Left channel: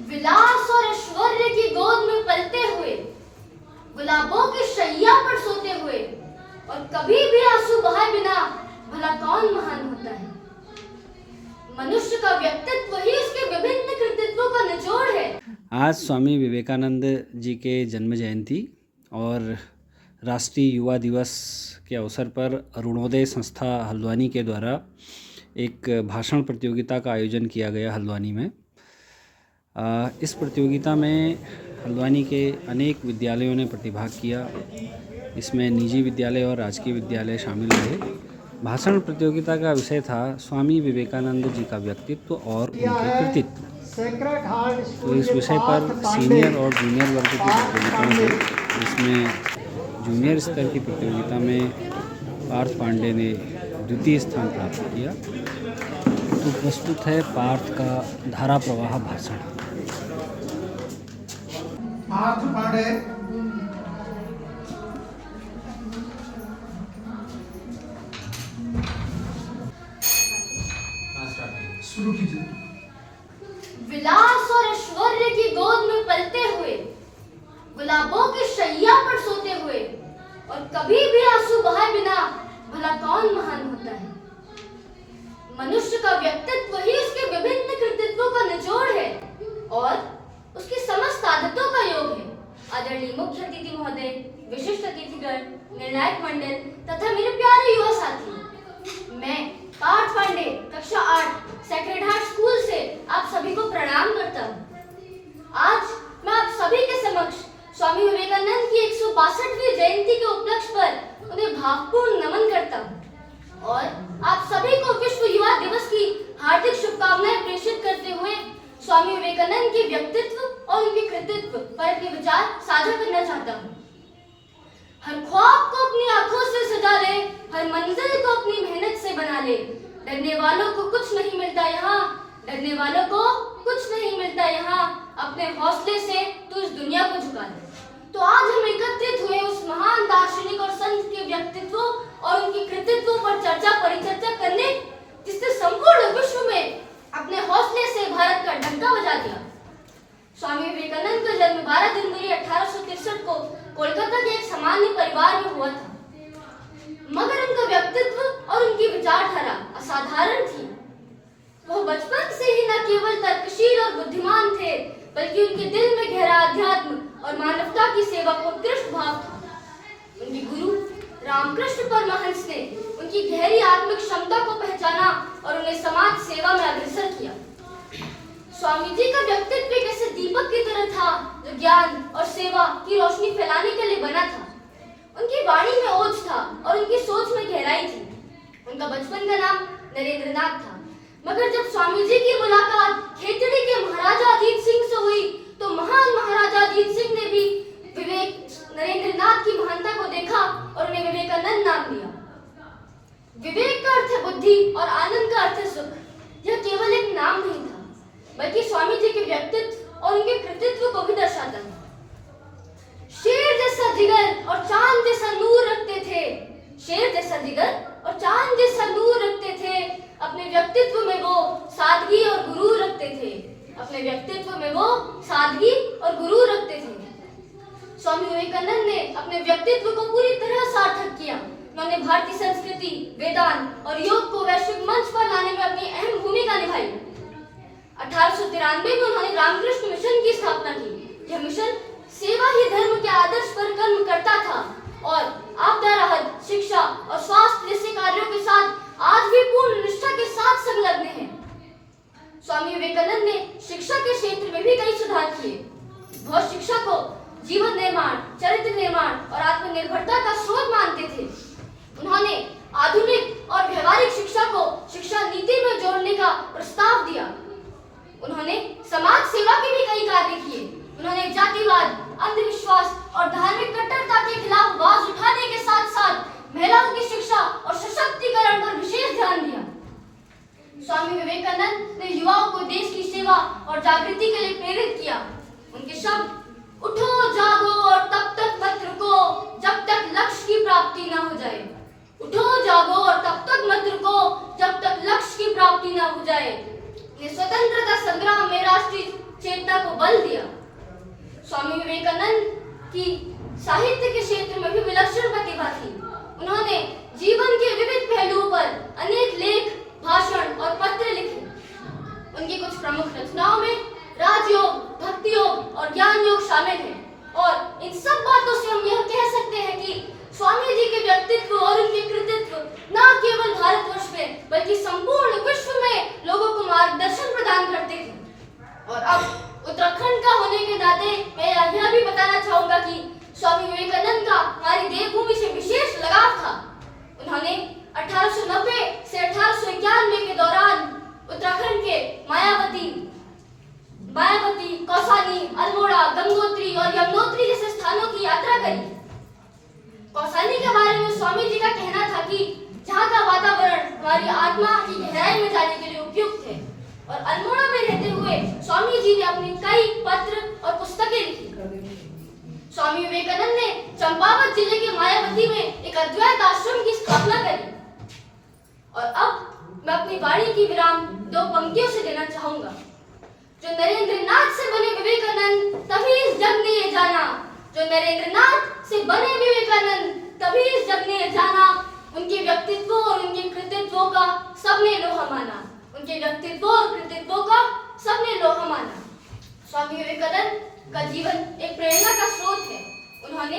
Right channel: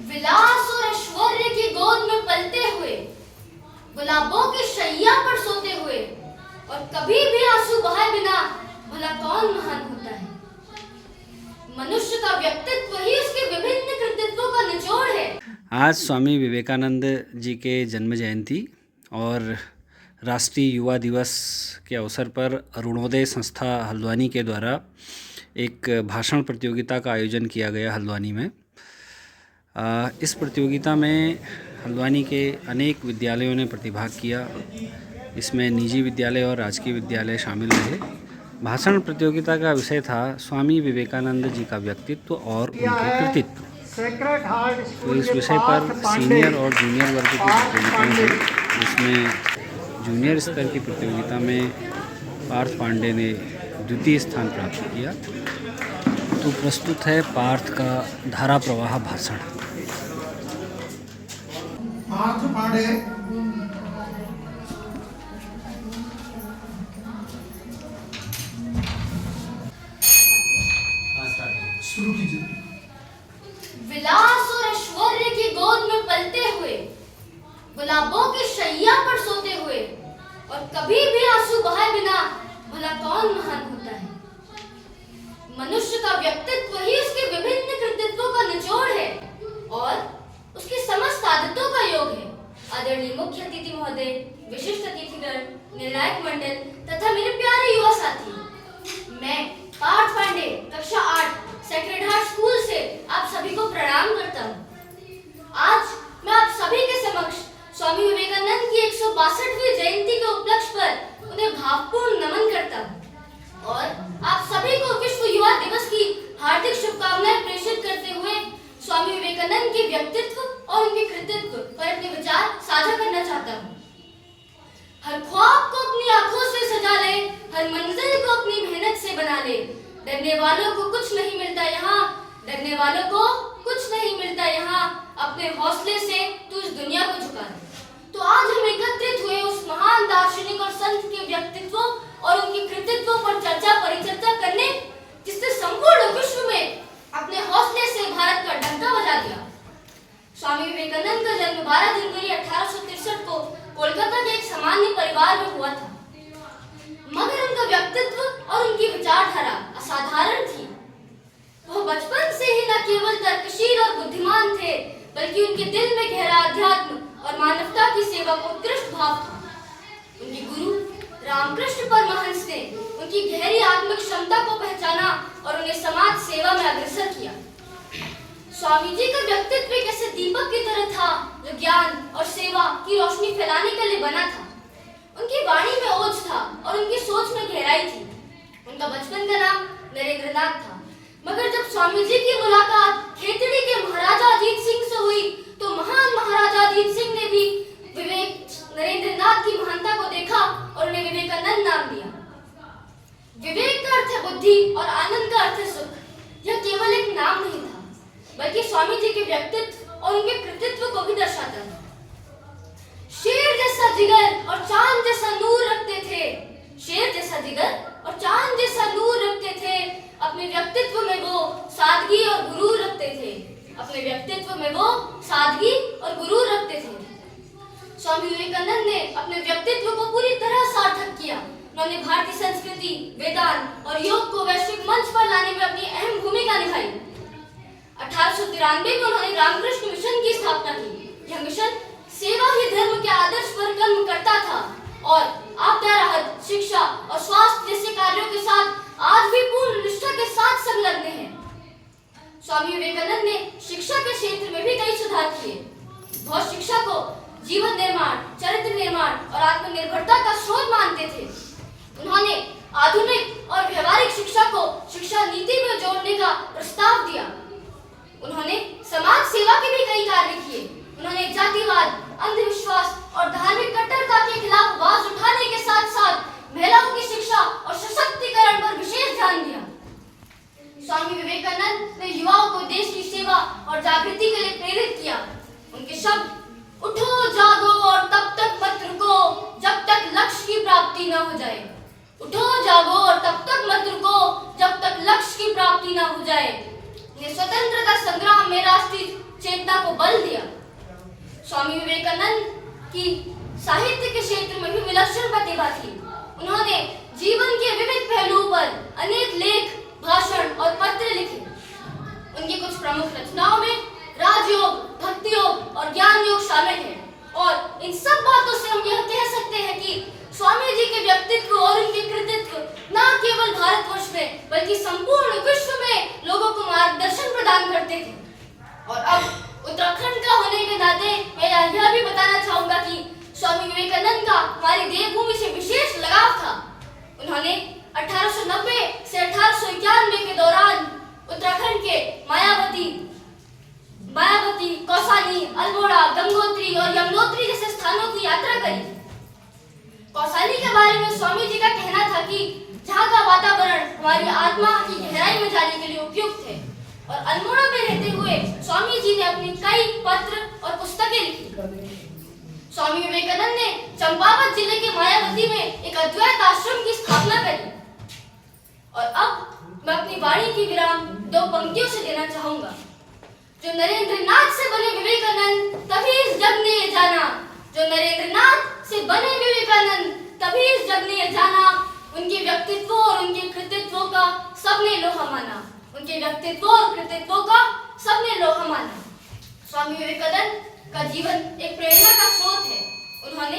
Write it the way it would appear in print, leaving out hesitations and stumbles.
विलास और ऐश्वर्य की गोद में पलते हुए, गुलाबों के शैया पर सोते हुए और कभी भी आंसू बहाए बिना भला कौन महान होता है। मनुष्य का व्यक्तित्व ही उसके विभिन्न कृतित्वों का निचोड़ है। आज स्वामी विवेकानंद जी के जन्म जयंती और राष्ट्रीय युवा दिवस के अवसर पर अरुणोदय संस्था हल्द्वानी के द्वारा एक भाषण प्रतियोगिता का आयोजन किया गया हल्द्वानी में। इस प्रतियोगिता में हल्द्वानी के अनेक विद्यालयों ने प्रतिभाग किया। इसमें निजी विद्यालय और राजकीय विद्यालय शामिल रहे। भाषण प्रतियोगिता का विषय था स्वामी विवेकानंद जी का व्यक्तित्व और उनके कृतित्व। तो इस विषय पर सीनियर और जूनियर वर्ग की प्रतियोगिताएं थी, जिसमें जूनियर स्तर की प्रतियोगिता में पार्थ पांडे ने द्वितीय स्थान प्राप्त किया। तो प्रस्तुत है पार्थ का धारा प्रवाह भाषण। पार्थ पांडे शुरू कीजिए। विलास और ऐश्वर्य की गोद में पलते हुए, गुलाबों के शैया पर सोते हुए और कभी भी आंसू बहाए बिना भला कौन महान होता है। मनुष्य का व्यक्तित्व ही उसके विभिन्न कृतित्वों का निचोड़ है और उसकी समस्त आदतों का योग है। आदरणीय मुख्य अतिथि महोदय, विशिष्ट अतिथिगण, निर्णायक मंडल तथा मेरे प्यारे युवा साथी, मैं पार्थ पांडे कक्षा 8 सेक्रेड हार्ट स्कूल से आप सभी को प्रणाम करता हूँ। आज मैं आप सभी के समक्ष स्वामी विवेकानंद की 162वीं जयंती के उपलक्ष्य पर उन्हें भावपूर्ण नमन करता हूँ और आप सभी को विश्व युवा दिवस की हार्दिक शुभकामनाएं प्रेषित करते हुए स्वामी विवेकानंद के व्यक्तित्व और उनके कृतित्व पर अपने विचार साझा करना चाहता हूँ। हर ख्वाब को अपनी आंखों से सजा ले, हर मंजिल को अपनी मेहनत से बना ले। डरने वालों को कुछ नहीं मिलता यहाँ, डरने वालों को कुछ नहीं मिलता यहाँ। अपने हौसले से तू इस दुनिया को झुका दे। तो आज हम एकत्रित हुए उस महान दार्शनिक और संत के व्यक्तित्व और उनके कृतित्वों पर चर्चा परिचर्चा करने, जिसने संपूर्ण विश्व में अपने हौसले से भारत का डंका बजा दिया। स्वामी विवेकानंद का जन्म 12 जनवरी 1863 को कोलकाता के एक सामान्य परिवार में हुआ था, मगर उनका व्यक्तित्व और उनकी विचारधारा असाधारण थी। वह बचपन से ही न केवल तर्कशील और बुद्धिमान थे, बल्कि उनके दिल में गहरा अध्यात्म और मानवता की सेवा का उत्कृष्ट भाव था। उनके गुरु रामकृष्ण परमहंस ने उनकी गहरी आत्मिक क्षमता को पहचाना और उन्हें समाज सेवा में अग्रसर किया। स्वामी जी का व्यक्तित्व एक ऐसे दीपक की तरह था जो ज्ञान और सेवा की रोशनी फैलाने के लिए बना था। उनकी वाणी में ओज था और उनकी सोच में गहराई थी। उनका बचपन का नाम नरेंद्रनाथ था, मगर जब स्वामी जी की मुलाकात खेतड़ी के महाराजा अजीत सिंह से हुई, तो महान महाराजा अजीत सिंह ने भी नरेंद्रनाथ की महानता को देखा और उन्हें विवेकानंद नाम दिया। विवेक का अर्थ है बुद्धि और आनंद का अर्थ है सुख। यह केवल एक नाम नहीं था, बल्कि स्वामी जी के व्यक्तित्व और उनके कृतित्व को भी दर्शाता है। शेर जैसा जिगर और चांद जैसा नूर रखते थे, शेर जैसा जिगर और चांद जैसा नूर रखते थे। अपने व्यक्तित्व में वो सादगी और गुरूर रखते थे, अपने व्यक्तित्व में वो सादगी और गुरूर रखते थे। स्वामी विवेकानंद ने अपने व्यक्तित्व को पूरी तरह सार्थक किया। उन्होंने भारतीय संस्कृति, वेदांत और योग को वैश्विक मंच पर लाने में अपनी अहम भूमिका निभाई। 1893 में उन्होंने रामकृष्ण मिशन की स्थापना की। यह मिशन सेवा ही धर्म के आदर्श पर कर्म करता था और आपदा राहत, शिक्षा और स्वास्थ्य जैसे कार्यों के साथ आज भी पूर्ण निष्ठा के साथ संलग्न है। स्वामी विवेकानंद ने शिक्षा के क्षेत्र में भी कई सुधार किए। वह शिक्षा को जीवन निर्माण, चरित्र निर्माण और आत्मनिर्भरता का स्रोत मानते थे। उन्होंने आधुनिक और व्यवहारिक शिक्षा को शिक्षा नीति में जोड़ने का प्रस्ताव दिया। उन्होंने समाज सेवा के भी कई कार्य किए। उन्होंने जातिवाद, अंधविश्वास और धार्मिक कट्टरता के खिलाफ आवाज उठाने के साथ साथ महिलाओं की शिक्षा और सशक्तिकरण पर विशेष ध्यान दिया। स्वामी विवेकानंद ने युवाओं को देश की सेवा और जागृति के लिए प्रेरित किया। उनके शब्द, उठो जागो और तब तक मत रुको जब तक लक्ष्य की प्राप्ति न हो जाए। उठो जागो और तब तक मत रुको जब तक लक्ष्य की प्राप्ति न हो जाए। ने स्वतंत्रता संग्राम में राष्ट्रीय चेतना को स्वामी विवेकानंद की साहित्य के क्षेत्र में भी विलक्षण प्रतिभा थी। उन्होंने जीवन के विविध पहलुओं पर अनेक लेख, भाषण और पत्र लिखे। उनकी कुछ प्रमुख रचनाओं में राजयोग, भक्ति योग और ज्ञान योग शामिल है। और इन सब बातों से हम यह कह सकते हैं कि स्वामी जी के व्यक्तित्व और उनके कृतित्व न केवल भारतवर्ष में बल्कि संपूर्ण विश्व में लोगों को मार्गदर्शन प्रदान करते थे। और अब उत्तराखंड का होने के नाते मैं यह भी बताना चाहूंगा कि स्वामी विवेकानंद का हमारी देवभूमि से विशेष लगाव था। उन्होंने 1890 से 1891 के दौरान उत्तराखंड के मायावती, कौसानी, अल्मोड़ा, गंगोत्री और यमुनोत्री जैसे स्थानों की यात्रा करी। कौसानी के बारे में स्वामी जी का कहना था कि जहाँ का वातावरण हमारी आत्मा की गहराई में जाने के लिए उपयुक्त है। और अल्मोड़ा में रहते हुए स्वामी जी ने अपने कई पत्र और पुस्तकें लिखी। स्वामी विवेकानंद ने चंपावत जिले के मायावती में एक अद्वैत आश्रम की स्थापना करी। और अब मैं अपनी वाणी की विराम दो पंक्तियों से देना चाहूंगा। जो नरेंद्रनाथ से बने विवेकानंद तभी इस जग ने ये जाना, जो नरेंद्रनाथ से बने विवेकानंद तभी इस जग ने ये जाना। उनके व्यक्तित्वों और उनके कृतित्वों का सबने लोहा माना, उनके व्यक्तित्वों और कृतित्वों का सबने लोहा माना। स्वामी विवेकानंद का जीवन एक प्रेरणा का स्रोत है। उन्होंने